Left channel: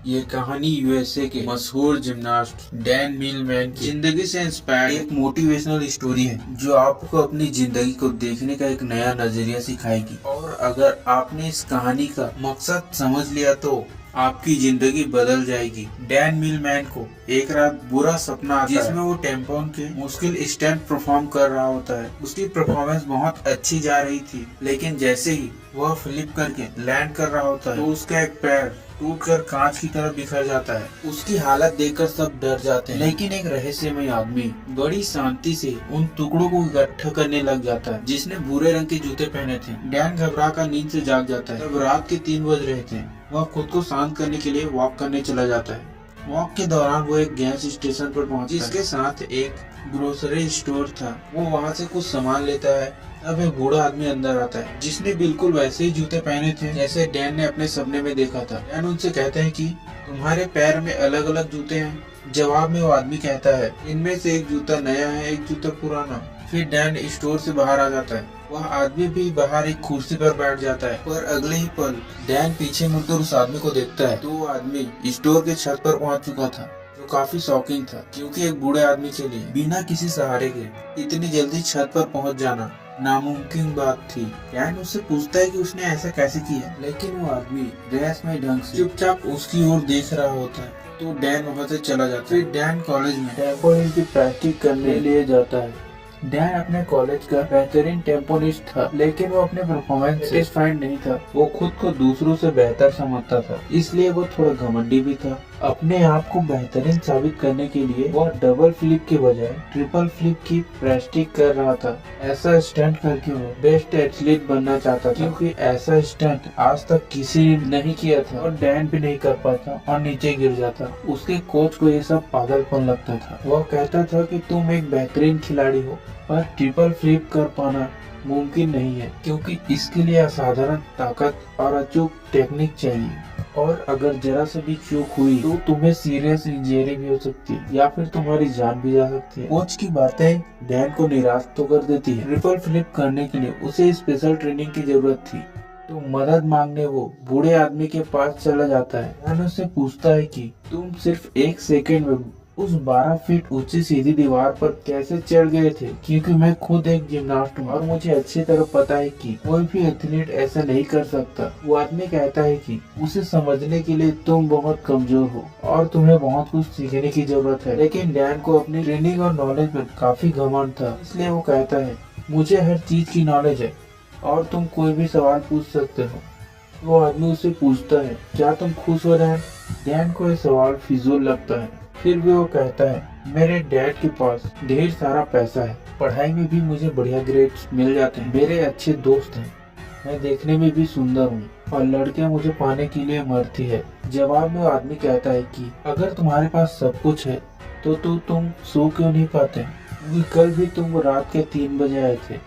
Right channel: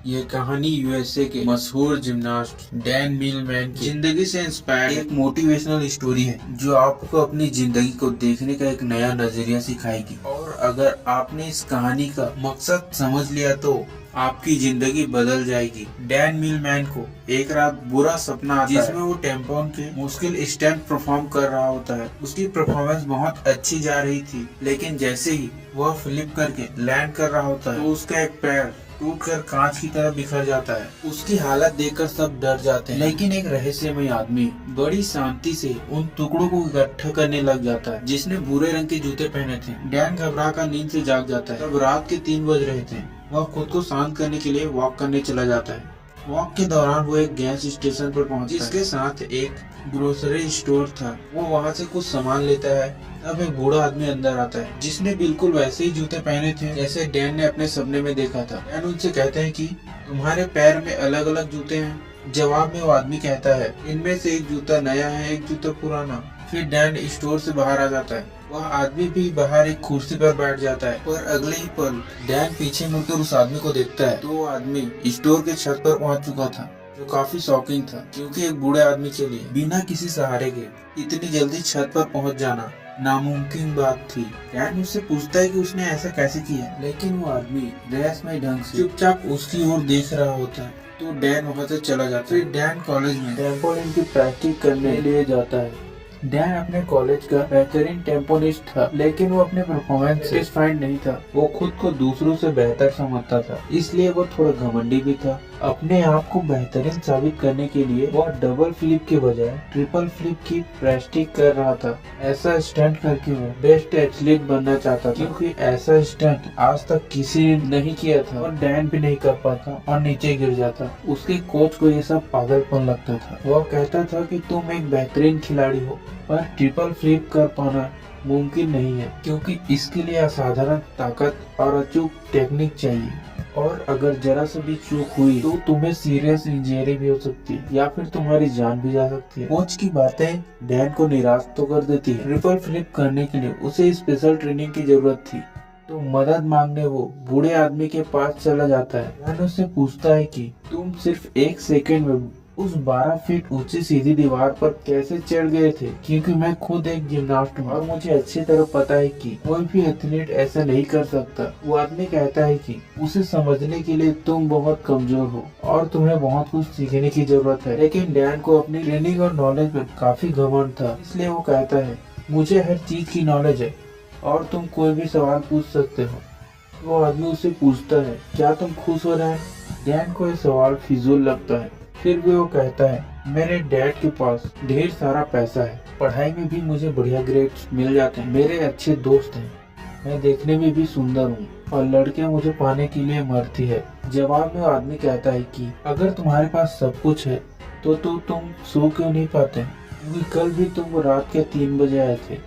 ये कहानी यूएसए के मशहूर जिम्नास्ट डैन मिलमैन की जिंदगी से इंस्पायर्ड एक मोटिवेशनल स्टोरी है जो आपको अपनी जिंदगी को देखने का एक नया नजरिया सिखाएगी। और अगर आपने इस कहानी का मकसद समझ लिया तो आपकी जिंदगी बदल जाएगी। डैन मिलमैन को एक रात बुरा सपना आता है जिसमें वो टेम्पोन के मुश्किल स्टंट परफॉर्म कर रहा होता है। उसकी परफॉर्मेंस बहुत अच्छी जा रही थी, लेकिन जैसे ही वह फ्लिप करके लैंड कर रहा होता है तो उसका एक पैर टूटकर कांच की तरह बिखर जाता है। उसकी हालत देखकर सब डर जाते हैं, लेकिन एक रहस्यमय आदमी बड़ी शांति से उन टुकड़ों को इकट्ठा करने लग जाता है जिसने भूरे रंग के जूते पहने थे। डैन घबरा कर नींद से जाग जाता है। तब रात के 3 बज रहे थे। वह खुद को शांत करने के लिए वॉक करने चला जाता है। वॉक के दौरान वो एक गैस स्टेशन पर पहुंचता है जिसके साथ एक ग्रोसरी स्टोर था। वो वहाँ से कुछ सामान लेता है। तब एक बूढ़ा आदमी अंदर आता है जिसने बिल्कुल वैसे ही जूते पहने थे जैसे डैन ने अपने सपने में देखा था। डैन उनसे कहते हैं कि तुम्हारे पैर में अलग अलग जूते हैं। जवाब में वो आदमी कहता है इनमें से एक जूता नया है, एक जूता पुराना। फिर डैन स्टोर से बाहर आ जाता है। वह आदमी भी बाहर एक कुर्सी पर बैठ जाता है, पर अगले ही पल डैन पीछे मुड़कर उस आदमी को देखता है तो वो आदमी स्टोर के छत पर पहुंच चुका था, जो काफी शॉकिंग था क्योंकि एक बूढ़े आदमी के लिए बिना किसी सहारे के इतनी जल्दी छत पर पहुंच जाना नामुमकिन बात थी। डैन उससे पूछता है कि उसने ऐसा कैसे किया, लेकिन वो आदमी रहस्यमय ढंग से चुपचाप उसकी ओर देख रहा होता है। तो डैन वहाँ से चला जाता है। फिर डैन कॉलेज में टेम्पोनिस्ट की प्रैक्टिस करने लिए जाता है। डैन अपने कॉलेज का बेहतरीन टेम्पोनिस्ट था, लेकिन वो अपने परफॉर्मेंस से सेटिस्फाइड नहीं था। वो खुद को दूसरों से बेहतर समझता था, इसलिए वो थोड़ा घमंडी भी था। अपने आप को बेहतरीन साबित करने के लिए वो डबल फ्लिप के बजाय ट्रिपल फ्लिप की प्रैक्टिस कर रहा था। ऐसा स्टंट करके वो बेस्ट एथलीट बनना चाहता था, क्योंकि ऐसा स्टंट आज तक किसी ने नहीं किया था और डैन भी नहीं कर पाता और नीचे गिर जाता। उसके कोच को ये सब पागलपन लगता था। वह कहता था कि तुम एक बेहतरीन खिलाड़ी हो, पर ट्रिपल फ्लिप कर पाना मुमकिन नहीं है, क्योंकि इसके लिए असाधारण ताकत और अचूक टेक्निक चाहिए। और अगर जरा सा भी चूक हुई तो तुम्हें सीरियस इंजरी भी हो सकती है या फिर तुम्हारी जान भी जा सकती है। कोच की बातें डैन को निराश तो कर देती है। ट्रिपल फ्लिप करने के लिए उसे स्पेशल ट्रेनिंग की जरूरत थी, तो मदद मांगने वो बूढ़े आदमी के पास चला जाता है। डैन उससे पूछता है कि तुम सिर्फ 1 सेकेंड में उस 12 फीट ऊंची सीधी दीवार पर कैसे चढ़ गए थे, क्योंकि मैं खुद एक जिम्नास्ट हूँ और मुझे अच्छी तरह पता है कि कोई भी एथलीट ऐसा नहीं कर सकता। वो आदमी कहता है कि उसे समझने के लिए तुम बहुत कमजोर हो और तुम्हें बहुत कुछ सीखने की जरूरत है। लेकिन डैन को अपनी ट्रेनिंग और नॉलेज पर काफी घमंड था, इसलिए वो कहता है मुझे हर चीज की नॉलेज है और तुम कोई भी सवाल पूछ सकते हो। वो आदमी उससे पूछता है क्या तुम खुश हो रहे हैं। डैन को यह सवाल फिजूल लगता है। फिर भी वो कहता है मेरे डैड के पास ढेर सारा पैसा है, पढ़ाई में भी मुझे बढ़िया ग्रेड्स मिल जाते हैं, मेरे अच्छे दोस्त हैं, मैं देखने में भी सुंदर हूँ और लड़कियां मुझे पाने के लिए मरती है। जवाब में वो आदमी कहता है कि अगर तुम्हारे पास सब कुछ है तो तुम सो क्यों नहीं पाते, क्योंकि कल भी तुम रात के 3 बजे आए थे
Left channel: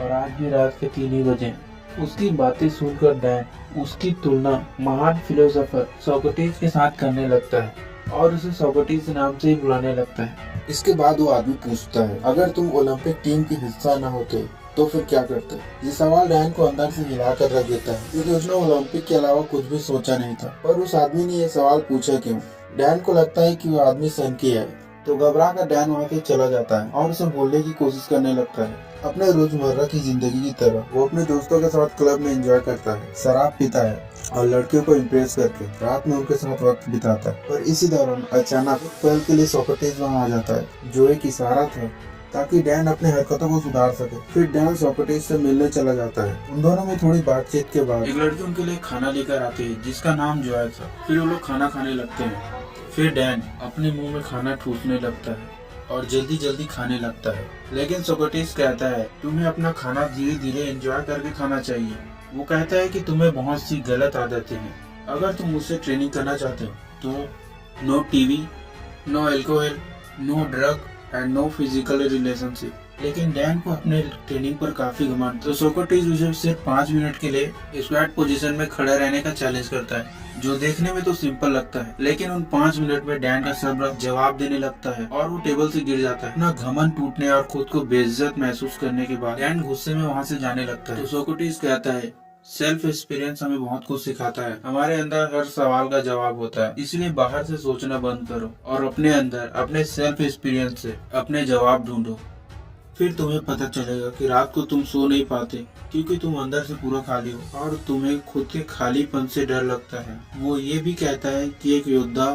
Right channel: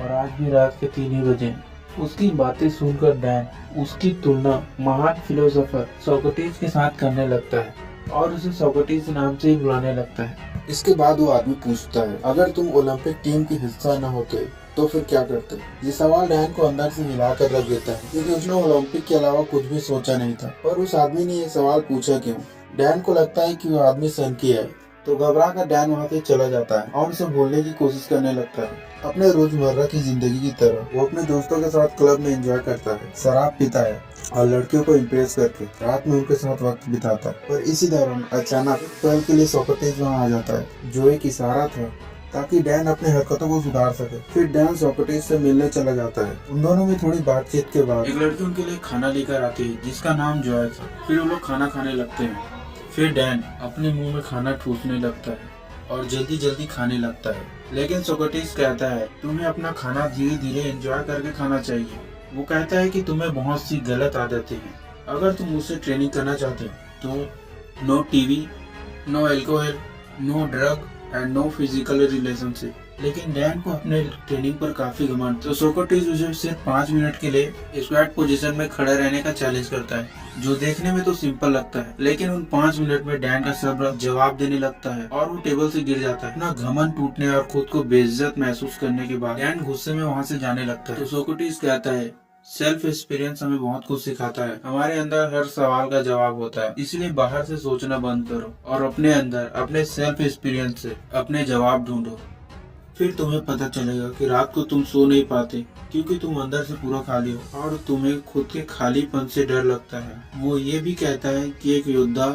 और आज भी रात के 3 ही बजे। उसकी बातें सुनकर डैन उसकी तुलना महान फिलोसोफर सोक्रेटिस के साथ करने लगता है और उसे सोक्रेटिस नाम से ही बुलाने लगता है। इसके बाद वो आदमी पूछता है अगर तुम ओलंपिक टीम की हिस्सा न होते तो फिर क्या करते। ये सवाल डैन को अंदर से हिलाकर रख देता है, क्योंकि उसने ओलंपिक के अलावा कुछ भी सोचा नहीं था। पर उस आदमी ने ये सवाल पूछा क्यों। डैन को लगता है कि वो आदमी सनकी है, तो घबरा कर डैन वहाँ से चला जाता है और उसे भूलने की कोशिश करने लगता है। अपने रोजमर्रा की जिंदगी की तरह वो अपने दोस्तों के साथ क्लब में एंजॉय करता है, शराब पीता है और लड़कियों को इम्प्रेस करके रात में उनके साथ वक्त बिताता है। पर इसी दौरान अचानक एक पल के लिए सोक्रेटिस वहाँ आ जाता है, जो एक इशारा था ताकि डैन अपने हरकतों को सुधार सके। फिर डैन सोक्रेटिस से मिलने चला जाता है। उन दोनों में थोड़ी बातचीत के बाद एक लड़की उनके लिए खाना लेकर आती है जिसका नाम जॉय था। फिर वो लोग खाना खाने लगते हैं। फिर डैन अपने मुंह में खाना ठूसने लगता है और जल्दी जल्दी खाने लगता है, लेकिन सोक्रेटिस कहता है तुम्हें अपना खाना धीरे धीरे एंजॉय करके खाना चाहिए। वो कहता है कि तुम्हें बहुत सी गलत आदतें हैं, अगर तुम मुझसे ट्रेनिंग करना चाहते हो तो no TV, no alcohol, no drug and no physical relationship. लेकिन डैन को अपने ट्रेनिंग पर काफी घमंड, तो सोक्रेटिस उसे सिर्फ 5 मिनट के लिए स्क्वाट पोजीशन में खड़ा रहने का चैलेंज करता है, जो देखने में तो सिंपल लगता है, लेकिन उन 5 मिनट में डैन का सब्र जवाब देने लगता है और वो टेबल से गिर जाता है। अपना घमंड टूटने और खुद को बेइज्जत महसूस करने के बाद डैन गुस्से में वहाँ से जाने लगता है। तो सोक्रेटिस कहता है सेल्फ एक्सपीरियंस हमें बहुत कुछ सिखाता है। हमारे अंदर हर सवाल का जवाब होता है, इसलिए बाहर से सोचना बंद करो और अपने अंदर अपने सेल्फ एक्सपीरियंस से अपने जवाब ढूंढो। फिर तुम्हें पता चलेगा कि रात को तुम सो नहीं पाते क्योंकि तुम अंदर से पूरा खाली हो और तुम्हें खुद के खालीपन से डर लगता है। वो ये भी कहता है कि एक योद्धा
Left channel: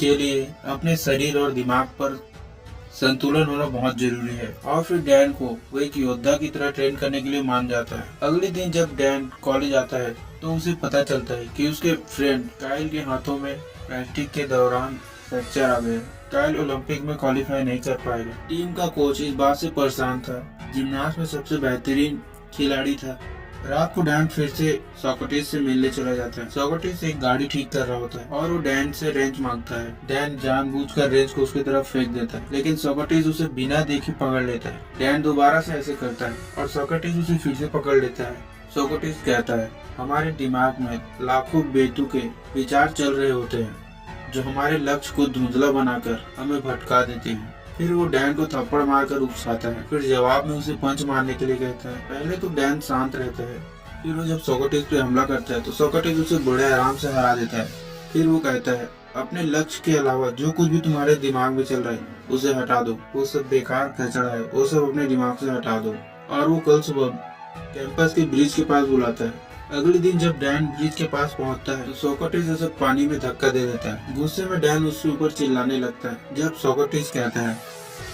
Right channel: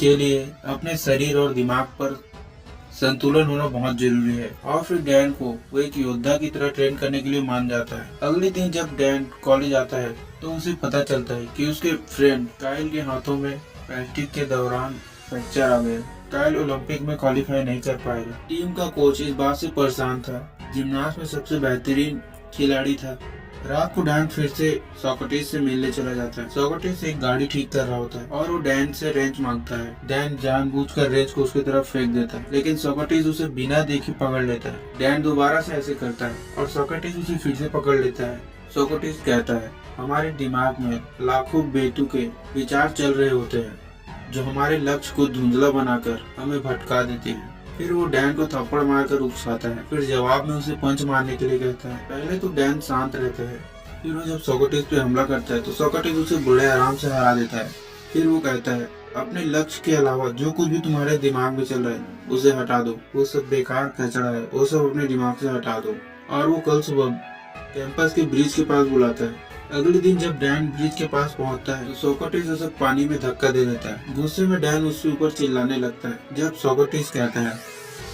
के लिए अपने शरीर और दिमाग पर संतुलन होना बहुत जरूरी है। और फिर डैन को वो एक योद्धा की तरह ट्रेन करने के लिए मान जाता है। अगले दिन जब डैन कॉलेज आता है तो उसे पता चलता है कि उसके फ्रेंड काइल के हाथों में प्रैक्टिस के दौरान फ्रैक्चर आ गया। काइल ओलंपिक में क्वालिफाई नहीं कर पाएगा। टीम का कोच इस बात से परेशान था। जिम्नास्ट में सबसे बेहतरीन खिलाड़ी था। रात को डैन फिर से सोक्रेटिस से मिलने चला जाता है। सोक्रेटिस एक गाड़ी ठीक कर रहा होता है और वो डैन से रेंच मांगता है। डैन जानबूझकर रेंच को उसकी तरफ फेंक देता है, लेकिन सोक्रेटिस उसे बिना देखे पकड़ लेता है। डैन दोबारा से ऐसे करता है और सोक्रेटिस उसे फिर से पकड़ लेता है। सोक्रेटिस कहता है, हमारे दिमाग में लाखों बेतुके विचार चल रहे होते हैं जो हमारे लक्ष्य को धुंधला बनाकर हमें भटका देते हैं। फिर वो डैन को थप्पड़ मारकर उकसाता है। फिर जवाब में उसे पंच मारने के लिए कहता है। पहले तो डैन शांत रहता है, फिर वो जब सोक्रेटिस पे हमला करता है तो सोक्रेटिस उसे बड़े आराम से हरा देता है। फिर वो कहता है, अपने लक्ष्य के अलावा जो कुछ भी तुम्हारे दिमाग में चल रहा है उसे हटा दो। वो सब बेकार कचरा है, वो सब अपने दिमाग से हटा दो। और वो कल सुबह कैंपस के ब्रिज के पास बुलाता है। अगले दिन जब डैन ब्रिज के पास पहुंचता है तो सोक्रेटिस उसे पानी में धक्का दे देता है। गुस्से में डैन उसके ऊपर चिल्लाने लगता है। जब सोक्रेटिस कहता है,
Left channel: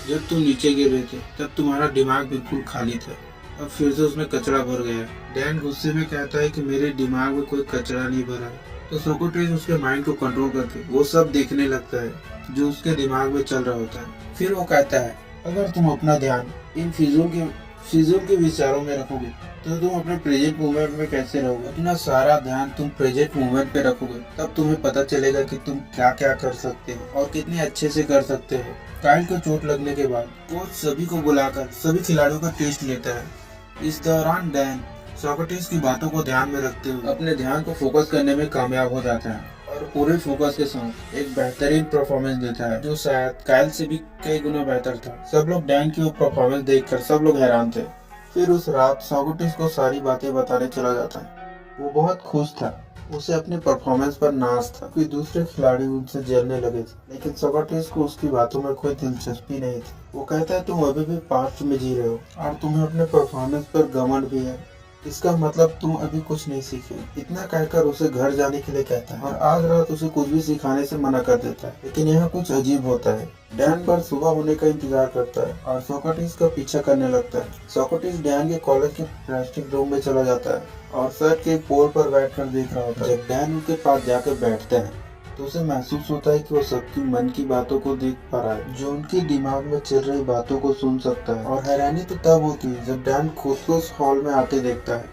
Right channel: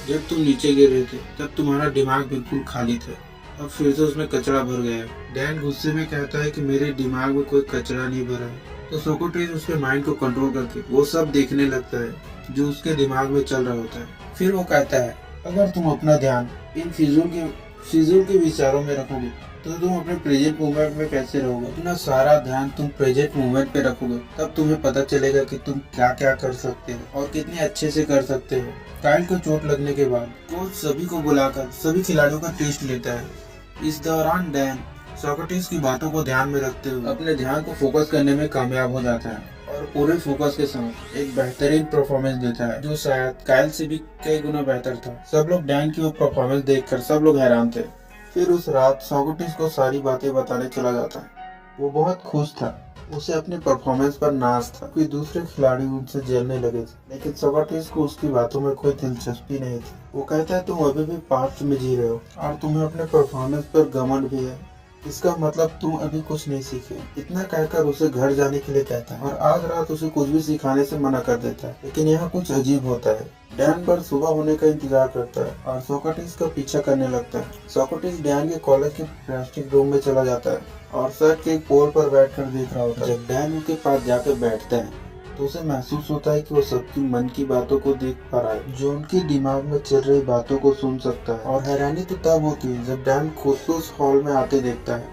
जब तुम नीचे गिर रहे थे तब तुम्हारा दिमाग बिल्कुल खाली था, अब फिर से उसमें कचरा भर गया है। डैन गुस्से में कहता है कि मेरे दिमाग में कोई कचरा नहीं भरा है। तो सोक्रेटिस उसके माइंड को कंट्रोल करके वो सब देखने लगता है जो उसके दिमाग में चल रहा होता है। फिर वो कहता है, अगर तुम अपना ध्यान इन फिजूल के विचारों में रखोगे तो तुम अपने प्रेजेंट मोमेंट में कैसे रहोगे। अपना सारा ध्यान तुम प्रेजेंट मोमेंट पे रखोगे तब तुम्हें पता चलेगा कि तुम क्या क्या कर सकते हो और कितने अच्छे से कर सकते हो। काइल को चोट लगने के बाद कोच सभी को बुलाकर सभी खिलाड़ियों का टेस्ट लेता है। इस दौरान डैन सोक्रेटिस की बातों को ध्यान में रखते हुए अपने ध्यान को फोकस करने में कामयाब हो जाता है और पूरे फोकस के साथ एक बेहतरीन परफॉर्मेंस देता है जो शायद काइल से भी कई गुना बेहतर था। सब लोग डैन की वो परफॉर्मेंस देखकर सब लोग हैरान थे। फिर उस रात सोक्रेटिस को सारी बातें बताने चला जाता है। वो बहुत खुश था, उसे अपने परफॉर्मेंस पर नाज था कि दूसरे खिलाड़ी उनसे जलने लगे थे, लेकिन सोक्रेटिस को उसकी बातों में कोई दिलचस्पी नहीं थी। वो कहता है, तुम अभी भी पास्ट में जी रहे हो और तुम्हें अपने परफॉर्मेंस पर घमंड भी है, इसका मतलब तुम अभी कुछ नहीं सीखे। इतना कहकर उसे घर जाने के लिए कहता है और आज रात उसे कुछ भी सिखाने से मना कर देता है। लेकिन यहाँ कुछ अजीब होता है। डैन पर सुबह होने का इंतजार करता है और सोक्रेटिस का पीछा करने लगता है। सोक्रेटिस डैन के कॉलेज के प्लास्टिक रूम में चला जाता है और शर्ट के एक पोल पर बैठकर देख रहा होता है। जब डैन उनके पास जाकर बैठता है तो उसे महसूस होता है कि वो सबकी मन की बातों को देख पा रहा है, जो उनके दिमाग में चल रही बातों को सुन सकता है। और हैरानी तो तब होती है जब डैन खुद को उस हॉल में आते देखता है।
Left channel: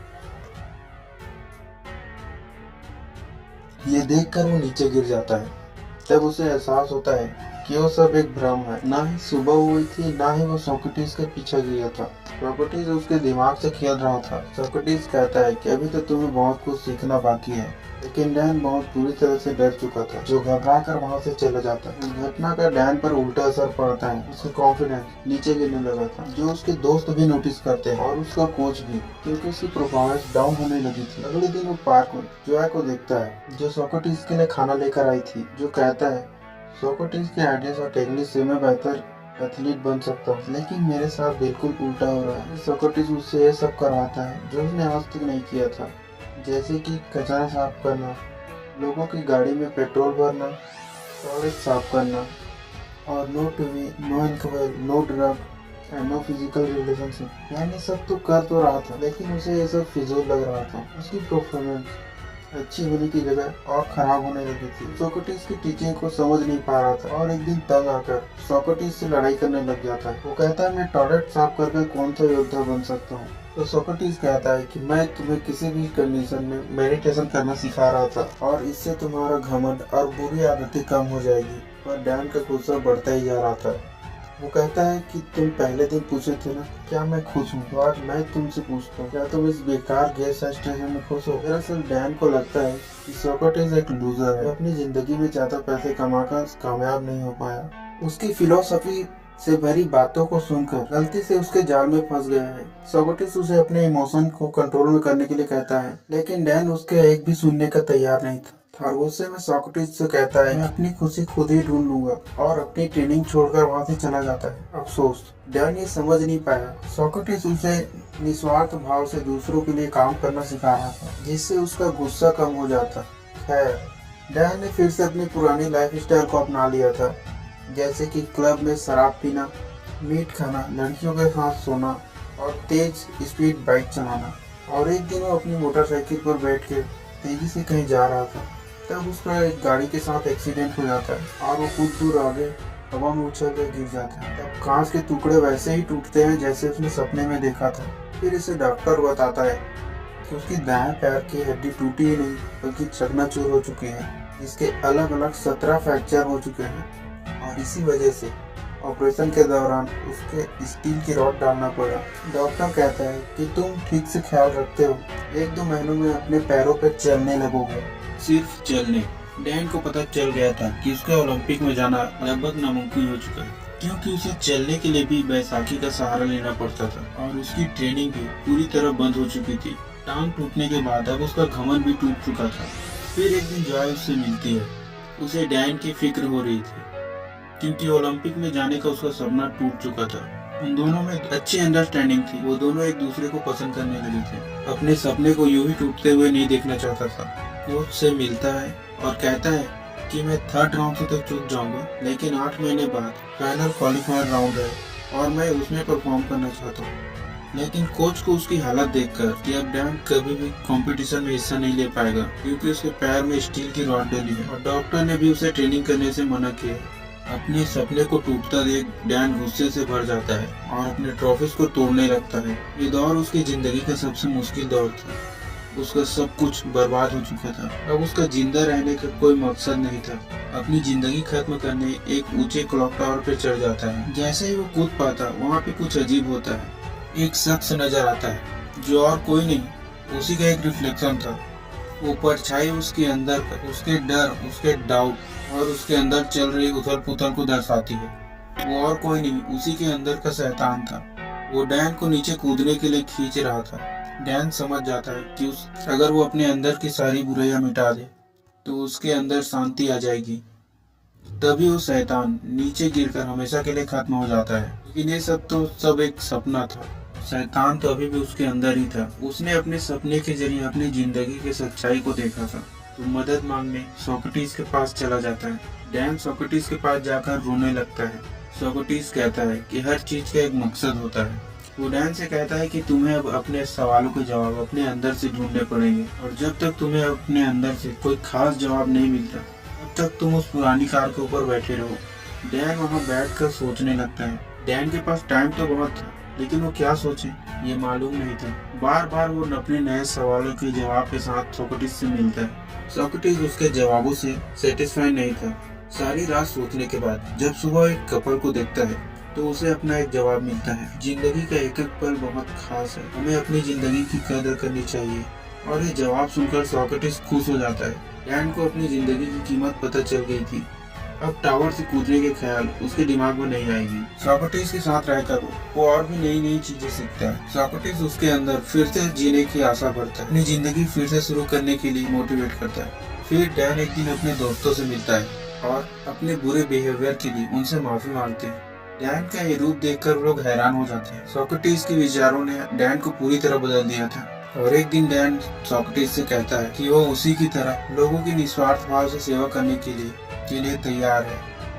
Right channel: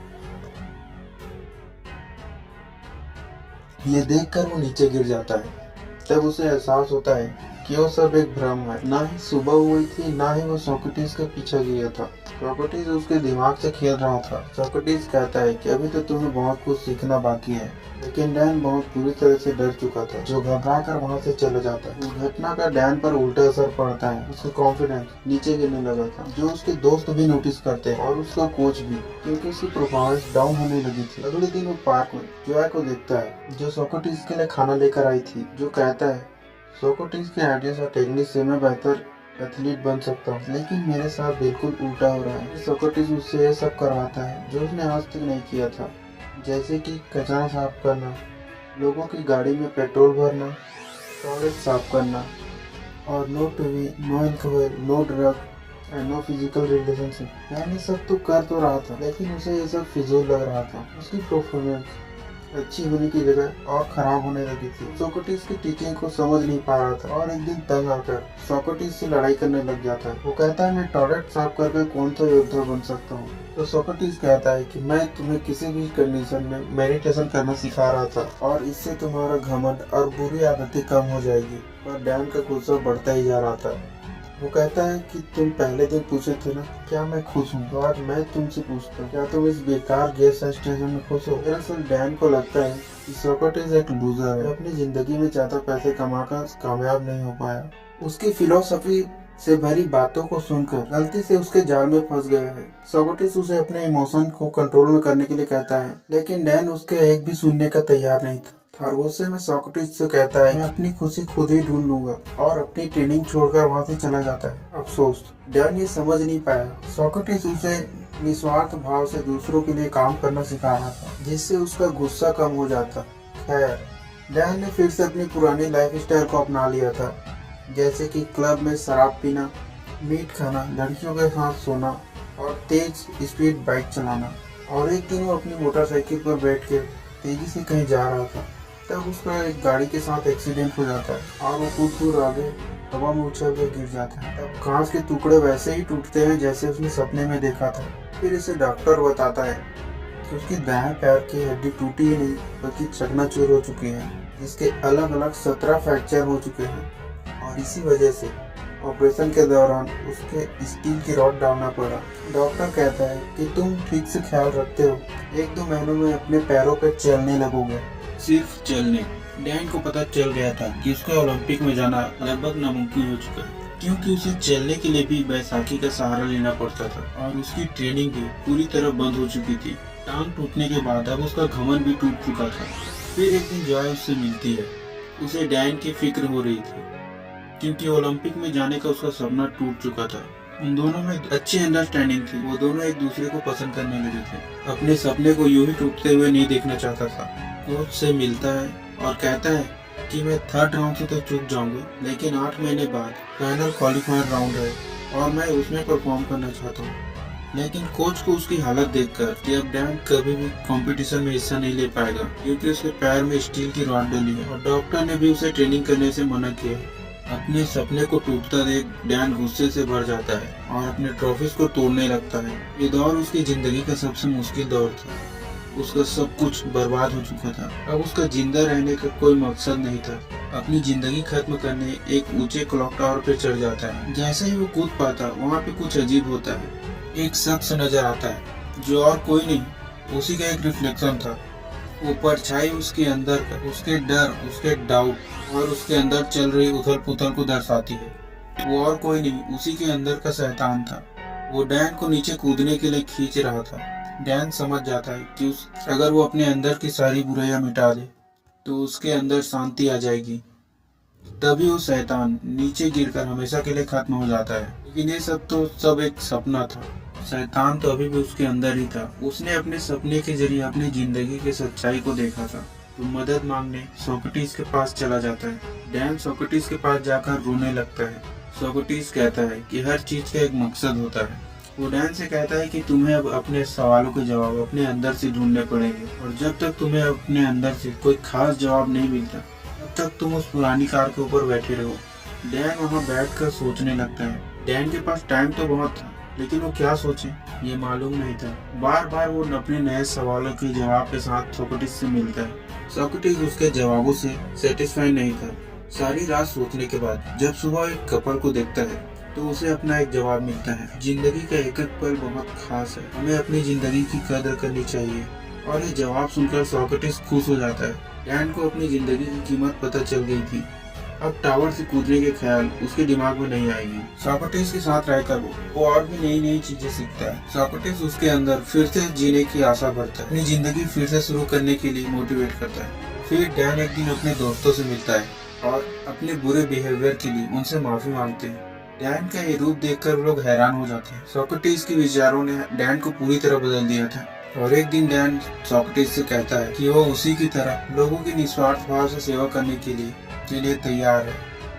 ये देखकर वो नीचे गिर जाता है। तब उसे एहसास होता है कि वो सब एक भ्रम है। ना ही सुबह हुई थी, ना ही वो सोक्रेटिस के पीछे गया था। सोक्रेटिस उसके दिमाग से खेल रहा था। सोक्रेटिस कहता है कि अभी तो तुम्हें बहुत कुछ सीखना बाकी है, लेकिन डैन बहुत बुरी तरह से डर चुका था, जो घबरा कर वहाँ से चला जाता है। इस घटना का डैन पर उल्टा असर पड़ता है। उसका कॉन्फिडेंस नीचे गिरने लगा था, जो उसके दोस्त भी नोटिस करते हैं और उसका कोच भी, क्योंकि उसकी परफॉर्मेंस डाउन होने लगी थी। अगले दिन वो पार्क में जोया को देखता है, जो सोक्रेटिस के लिए खाना लेकर आई थी, जो कहता है, सोक्रेटिस के आइडियाज और टेक्निक से मैं बेहतर एथलीट बन सकता हूँ, लेकिन मेरे साथ बिल्कुल उल्टा हो रहा है। सोक्रेटिस उससे ये सब करवाता है जो उसने आज तक नहीं किया था, जैसे कि कचरा साफ करना, लोगों की गाड़ी में पेट्रोल भरना, टॉयलेट साफ करना और no TV, no alcohol, no drug and no physical relationship. यानी सब तो कर तो रहा था, लेकिन उसे ये सब फिजूल लग रहा था। उसकी परफॉर्मेंस अच्छी होने की जगह और खराब होने लगी थी। सोक्रेटिस की टीचिंग को समझ नहीं पा रहा था और एक दिन तंग आकर सोक्रेटिस से लड़ाई करने लग जाता है। वो कहता है, मैं टॉयलेट साफ करके कौन सा योद्धा बन सकता हूँ। तो सोक्रेटिस कहता है कि मैं तुम्हें किसी भी कंडीशन में मेडिटेशन करना सिखा रहा था और इससे तुम्हारा घमंड और बुरी आदतें कम हो जाएगी। पर डैन का गुस्सा बढ़ता ही जा रहा था। वो कहता है कि तुम पहले दिन पूछे थे ना क्या मैं खुश हूँ, तो आज मैं तुमसे पूछता हूँ, क्या तुम इस बेकार गैस स्टेशन में खुश हो। दरअसल डैन को लगता है कि सोक्रेटिस एक लूजर है, अपनी जिंदगी में ज्यादा पैसे कमाकर कामयाब नहीं हो पाया। उसकी फिलोसफी से भरी बातों को सुनकर गलती से उसके जाल में फंस गया है। सोक्रेटिस उसे अपने इमोशन को कंट्रोल में करने के लिए कहता है, लेकिन डैन उसके एक भी सुनने का तैयार नहीं था। और गुस्से में सोक्रेटिस से कहता है, मैं अपनी खुशी खुद ही ढूंढ लूंगा, और अपनी ट्रेनिंग छोड़कर वहां से चला जाता है। अफसोस, डैन ये समझ नहीं पाया। सोक्रेटिस उसे निस्वार्थ भाव से दूसरों के लिए काम करना सिखा रहा था, जिससे उसका गुस्सा कम हो जाता। खैर, डैन ने फिर से अपनी पुरानी लाइफस्टाइल को अपना लिया था, जैसे कि क्लब में शराब पीना, मीट खाना, लड़कियों के साथ सोना और तेज स्पीड बाइक चलाना। और एक दिन वो अपनी मोटरसाइकिल पर बैठ कर तेजी से कहीं जा रहा था, तब उसका एक गाड़ी के साथ एक्सीडेंट हो जाता है और वो कुछ दूर आगे हवा में उछल कर गिर जाता है। तब कांच के टुकड़े वैसे ही टूटते हैं जैसे उसने सपने में देखा था। फिर इसे डॉक्टर बताता है कि उसकी दाएं पैर की हड्डी टूटी ही नहीं बल्कि चकनाचूर हो चुकी है, जिसके अलग अलग 17 फ्रैक्चर हो चुके हैं। और इसी वजह से ऑपरेशन के दौरान उसके स्टील की रॉड डालना पड़ा। डॉक्टर कहता है कि तुम ठीक से ख्याल रखते हो, 1-2 महीनों में अपने पैरों पर चलने लगोगे। सिर्फ चलने। डैन को पता चल गया था कि उसका ओलंपिक में जाना लगभग नामुमकिन हो चुका है, क्योंकि उसे चलने के लिए भी बैसाखी का सहारा लेना पड़ता था और उसकी ट्रेनिंग भी पूरी तरह बंद हो चुकी थी। टांग टूटने के बाद अब उसका घमंड भी टूट चुका था। फिर एक दिन जॉय उससे मिलती है। उसे डैन की फिक्र हो रही थी, क्योंकि ओलंपिक में जाने का उसका सपना टूट चुका था। उन दोनों में अच्छी अंडरस्टैंडिंग थी। वो दोनों एक दूसरे को पसंद करने लगे थे। अपने सपने को यूं ही टूटते हुए नहीं देखना चाहता था। कोच से मिलता है और कहता है कि मैं 3rd राउंड से तो चूक जाऊंगा, लेकिन 8 महीने बाद फाइनल क्वालिफायर राउंड है और मैं उसमें परफॉर्म करना चाहता हूँ। लेकिन कोच को उसकी हालत देखकर कि अब डैन कभी भी कंपटीशन में हिस्सा नहीं ले पाएगा, क्योंकि उसके पैर में स्टील की रॉड डली है और डॉक्टर ने भी उसे ट्रेनिंग करने से मना किया है। अपने सपने को टूटता देख डैन गुस्से से भर जाता है और अपने ट्रॉफीज को तोड़ने लगता है। ये दौर उसकी जिंदगी का सबसे मुश्किल दौर था। उसका सब कुछ बर्बाद हो चुका था। अब उसका जिंदा रहने का कोई मकसद नहीं था। अपनी जिंदगी खत्म करने एक ऊंचे क्लॉक टावर पे चढ़ जाता है। जैसे ही वो कूद पाता, वहाँ पे कुछ अजीब होता है। एक शख्स नजर आता है जो और कोई नहीं, उसी का एक रिफ्लेक्शन था। वो परछाई उसके अंदर का उसके डर, उसके डाउट और उसके अंदर चल रही उथल पुथल को दर्शाती है। वो और कोई नहीं, उसी के अंदर का शैतान था। वो डैन को नीचे कूदने के लिए खींच रहा था। डैन समझ जाता है कि अगर वो अपने अंदर की सारी बुराइयां मिटा दे तो उसके अंदर शांति आ जाएगी। तभी वो शैतान नीचे गिरकर हमेशा के लिए खत्म हो जाता है। लेकिन ये सब एक सपना था। शैतान तो अभी भी उसके अंदर ही था। उसने अपने सपने के जरिए अपनी जिंदगी की सच्चाई को देखा था। तो मदद मांगने सोक्रेटिस के पास चला जाता है। डैन सोक्रेटिस के पास जाकर रोने लगता है। सोक्रेटिस कहता है कि हर चीज का एक मकसद होता है। वो डैन से कहता है कि तुम्हें अब अपने सवालों के जवाब अपने अंदर से ढूंढने पड़ेंगे, और जब तक तुम्हें अपने अंदर से कोई खास जवाब नहीं मिलता तब तक तुम उस पुरानी कार के ऊपर बैठे रहो। डैन वहाँ बैठकर सोचने लगता है। डैन के पास टाइम तो बहुत था, लेकिन वो क्या सोचे ये मालूम नहीं था। बार बार वो अपने नए सवालों के जवाब के साथ सोक्रेटिस से मिलता है। सोक्रेटिस उसके जवाबों से सेटिस्फाइड नहीं था। सारी रात सोचने के बाद जब सुबह एक कपल को देखता है तो उसे अपना एक जवाब मिलता है। जिंदगी का एक एक पल बहुत खास है, हमें अपनी जिंदगी की कदर करनी चाहिए। और ये जवाब सुनकर सोक्रेटिस खुश हो जाता है। डैन को अपनी जिंदगी की कीमत पता चल गई थी। अब टावर से कूदने के ख्याल उसके दिमाग में नहीं आएगी। सोक्रेटिस के साथ रहकर वो और भी नई नई चीजें सीखता है। सोक्रेटिस उसके अंदर फिर से जीने की आशा भरता है, अपनी जिंदगी फिर से शुरू करने के लिए मोटिवेट करता है। फिर डैन एक दिन अपने दोस्तों से मिलता है और अपने बुरे बिहेवियर के लिए उनसे माफी मांगते हैं। डैन का ये रूप देखकर वो लोग हैरान हो जाते हैं। सोक्रेटिस के विचारों ने डैन को पूरी तरह बदल दिया था। और एक दिन डैन सोक्रेटिस से कहता है कि वो उसी की तरह लोगों की निस्वार्थ भाव से सेवा करने के लिए तैयार है।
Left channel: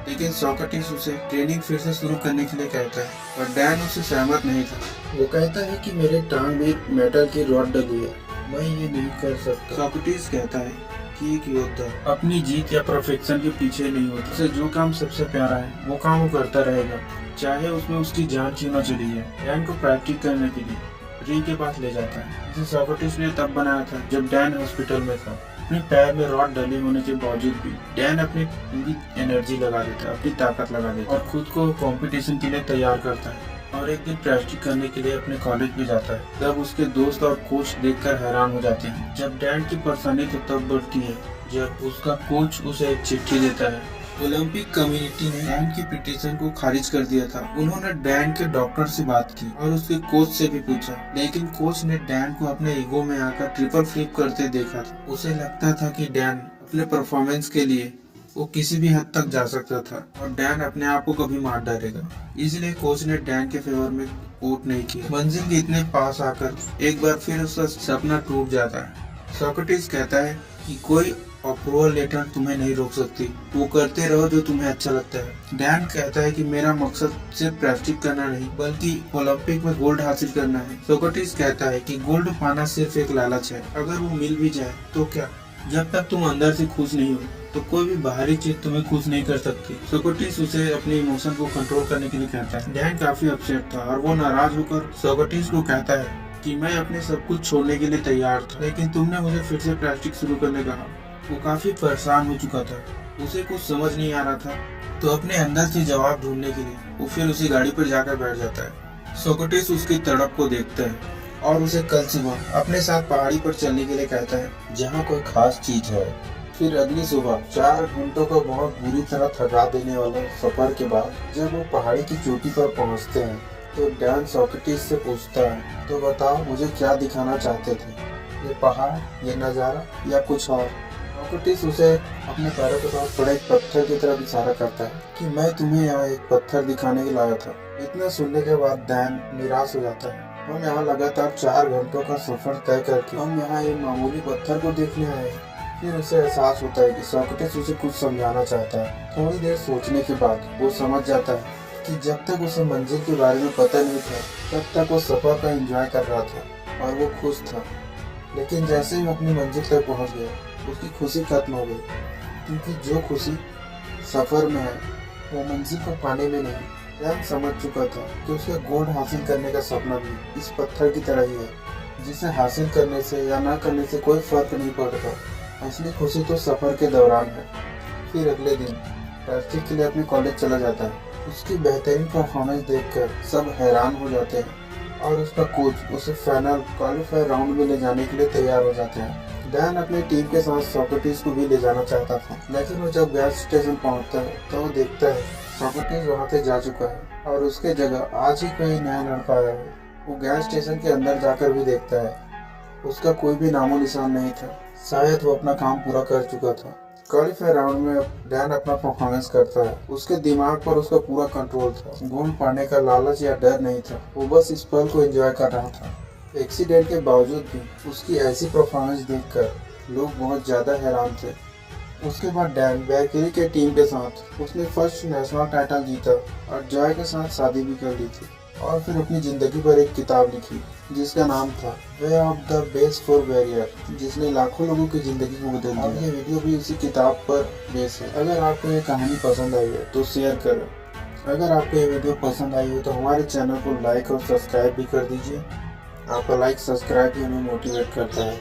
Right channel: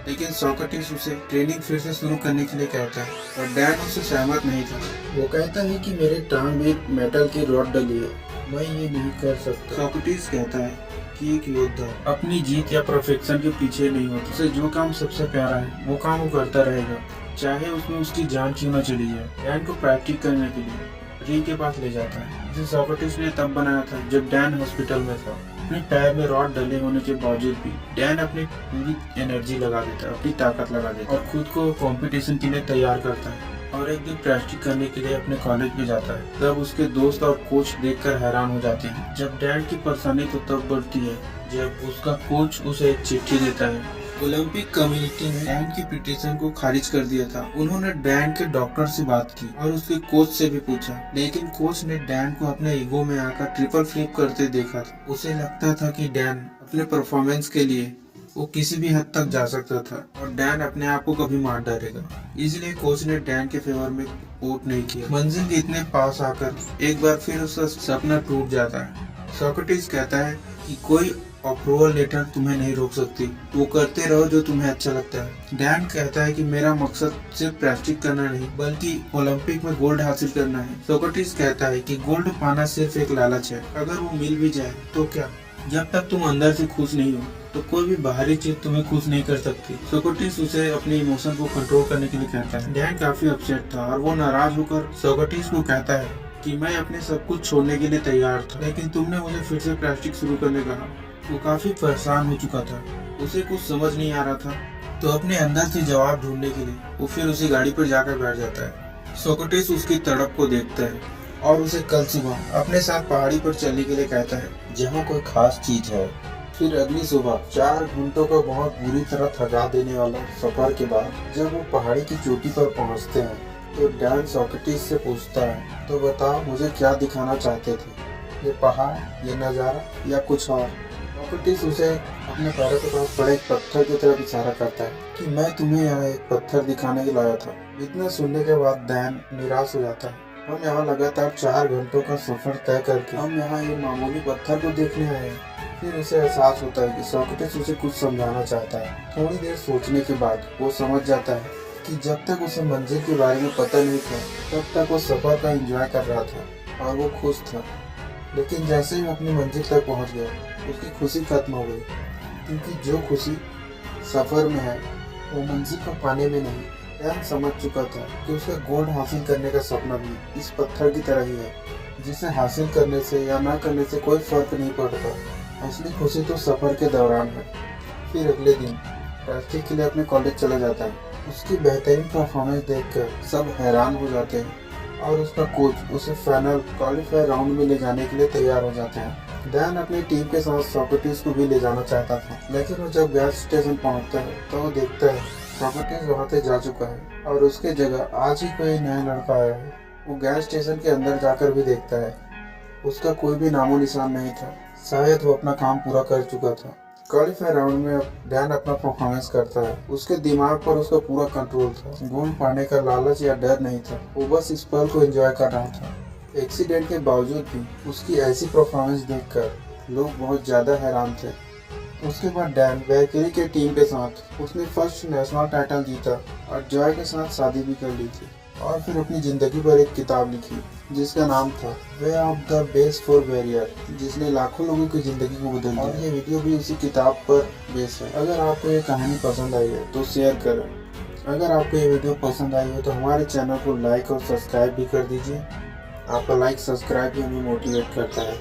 लेकिन सोक्रेटिस उसे ट्रेनिंग फिर से शुरू करने के लिए कहता है, और डैन उससे सहमत नहीं था। वो कहता है कि मेरे टांग में मेटल की रॉड डली है, मैं ये नहीं कर सकता। सोक्रेटिस कहता है कि एक योद्धा अपनी जीत या परफेक्शन के पीछे नहीं होता। उसे जो काम सबसे प्यारा है वो काम वो करता रहेगा, चाहे उसमें उसकी जान क्यों न चली जाए। डैन को प्रैक्टिस करने के लिए री के पास ले जाता है। इसे सोक्रेटिस ने तब बनाया था जब डैन हॉस्पिटल में था। अपने पैर में रॉड डले होने के बावजूद भी डैन अपनी पूरी एनर्जी लगा देता है, अपनी ताकत लगा देता है और खुद को कंपटीशन के लिए तैयार करता है। और एक दिन प्रैक्टिस करने के लिए अपने कॉलेज में जाता है। तब उसके दोस्त और कोच देखकर हैरान हो जाते हैं। जब डैन की परेशानी तो तब बढ़ती है जब उसका कोच उसे एक चिट्ठी देता है ओलंपिक कम्युनिटी ने डैन की पिटीशन को खारिज कर दिया था। उन्होंने डैन के डॉक्टर से बात की और उसके कोच से भी पूछा, लेकिन कोच ने डैन को अपने ईगो में आकर ट्रिपल फ्लिप करते देखा था। उसे लगता था कि डैन अपने परफॉर्मेंस के लिए वो किसी भी हद तक जा सकता था और डैन अपने आप को कभी मार डालेगा। इसलिए कोच ने डैन के फेवर में वोट नहीं किया। मंजिल के इतने पास आकर एक बार फिर उसका सपना टूट जाता है। सोक्रेटिस कहता है कि कोई अप्रूवल लेटर तुम्हें नहीं रोक सकती, वो करते रहो जो तुम्हें अच्छा लगता है। डैन कहता है कि मेरा मकसद सिर्फ प्रेस्टिज करना नहीं बल्कि ओलंपिक में गोल्ड हासिल करना है। सोक्रेटिस कहता है कि गोल्ड पाना सिर्फ एक लालच है, अगर वो मिल भी जाए तो क्या, जब तक तुम अंदर से खुश नहीं हो तो कोई भी बाहरी चीज तुम्हें खुश नहीं कर सकती। सोक्रेटिस उसे अपने इमोशन को कंट्रोल करने के लिए कहता है। डैन काफी अपसेट था और वो नाराज होकर सोक्रेटिस को कहता है कि मैं अपने सब कुछ छोड़ने के लिए तैयार था, लेकिन तुमने मुझे फिर से प्लास्टिक शुरू करने कहा। वो काफी परेशान हो चुका था, उसे कुछ समझ नहीं आ रहा था, तो अपने अंदर से जवाब ढूंढने के लिए वो फिर उसी गाड़ी पर जाकर बैठ जाता है। सोक्रेटिस उसकी तड़प को देखता है और उसे कल सुबह अपने साथ पहाड़ी पर चलने के लिए कहता है, जहाँ कोई खास चीज है। फिर अगली सुबह 4 घंटों का बहुत बुरी तरह थका देने वाला सफर के बाद जब वो पहाड़ी की चोटी पर पहुंचते हैं तो डैन सोक्रेटिस से पूछता है, तो बताओ मुझे क्या दिखाना चाहते थे, ये पहाड़, ये नज़ारा या कुछ और। सोक्रेटिस उसे अपने पैरों के पास पड़े एक पत्थर की तरफ इशारा करता है कि मैं तुम्हें यहाँ एक पत्थर दिखाने के लाया था। इतना सुनने के बाद डैन निराश हो जाता है। हम यहाँ लगातार 4 घंटों का सफर तय करके हम यहाँ एक मामूली पत्थर को देखने आए हैं। फिर उसे एहसास होता है कि सोक्रेटिस उसे कुछ समझाना चाहता है। थोड़ी देर सोचने के बाद वो समझ जाता है कि जब तक उसे मंजिल के बारे में पता नहीं था तब तक वो सफर का एंजॉय कर रहा था और वो खुश था। लेकिन जैसे ही वो अपनी मंजिल तक पहुंच गया उसकी खुशी खत्म हो गई, क्योंकि जो खुशी सफर में है वो मंजिल को पाने में नहीं। डैन समझ चुका था कि उसके गोल्ड हासिल करने का सपना भी इस पत्थर की तरह ही है, जिसे हासिल करने से या ना करने से कोई फर्क नहीं पड़ता। असली खुशी तो सफर के दौरान है। फिर अगले दिन प्लास्टिक के लिए अपने कॉलेज चला जाता है। उसकी बेहतरीन परफॉर्मेंस देखकर सब हैरान हो जाते हैं और उसका कोच उसे फाइनल क्वालिफायर राउंड में ले जाने के लिए तैयार हो जाते हैं। डैन अपनी टीम के साथ सोक्रेटिस को भी ले जाना चाहता था, लेकिन वो जब गैस स्टेशन पहुंचता है तो वो देखता है सोक्रेटिस वहां से जा चुका है और उसके जगह आज ही कोई नया लड़का आया है। वो गैस स्टेशन के अंदर जाकर भी देखता है, उसका कोई भी नामो निशान नहीं था। शायद वो अपना काम पूरा कर चुका था। क्वालिफायर राउंड में डैन अपना परफॉर्मेंस करता है। उसके दिमाग पर उसका पूरा कंट्रोल था। गोल्ड पाने का लालच या डर नहीं था, वो बस इस पल को एंजॉय कर रहा था। एक्सीडेंट के बावजूद भी उसकी ऐसी परफॉर्मेंस देखकर लोग बहुत ज़्यादा हैरान थे। उसके बाद डैन वैलकिरी के टीम के साथ उसने फर्स्ट नेशनल टाइटल जीता और जॉय के साथ शादी भी कर ली थी और फिर अपनी ज़िंदगी पर एक किताब लिखी जिसका नाम था way of the best for warrior, जिसने लाखों लोगों की ज़िंदगी को बदल दिया। और ये वीडियो भी उसी किताब पर बेस है। अगर आपको ये कहानी पसंद आई है तो शेयर करें। अगर आपको ये वीडियो पसंद आई हो तो हमारे चैनल को लाइक और सब्सक्राइब भी कर दीजिए। आपका लाइक सब्सक्राइब भी हमें मोटिवेट करता है।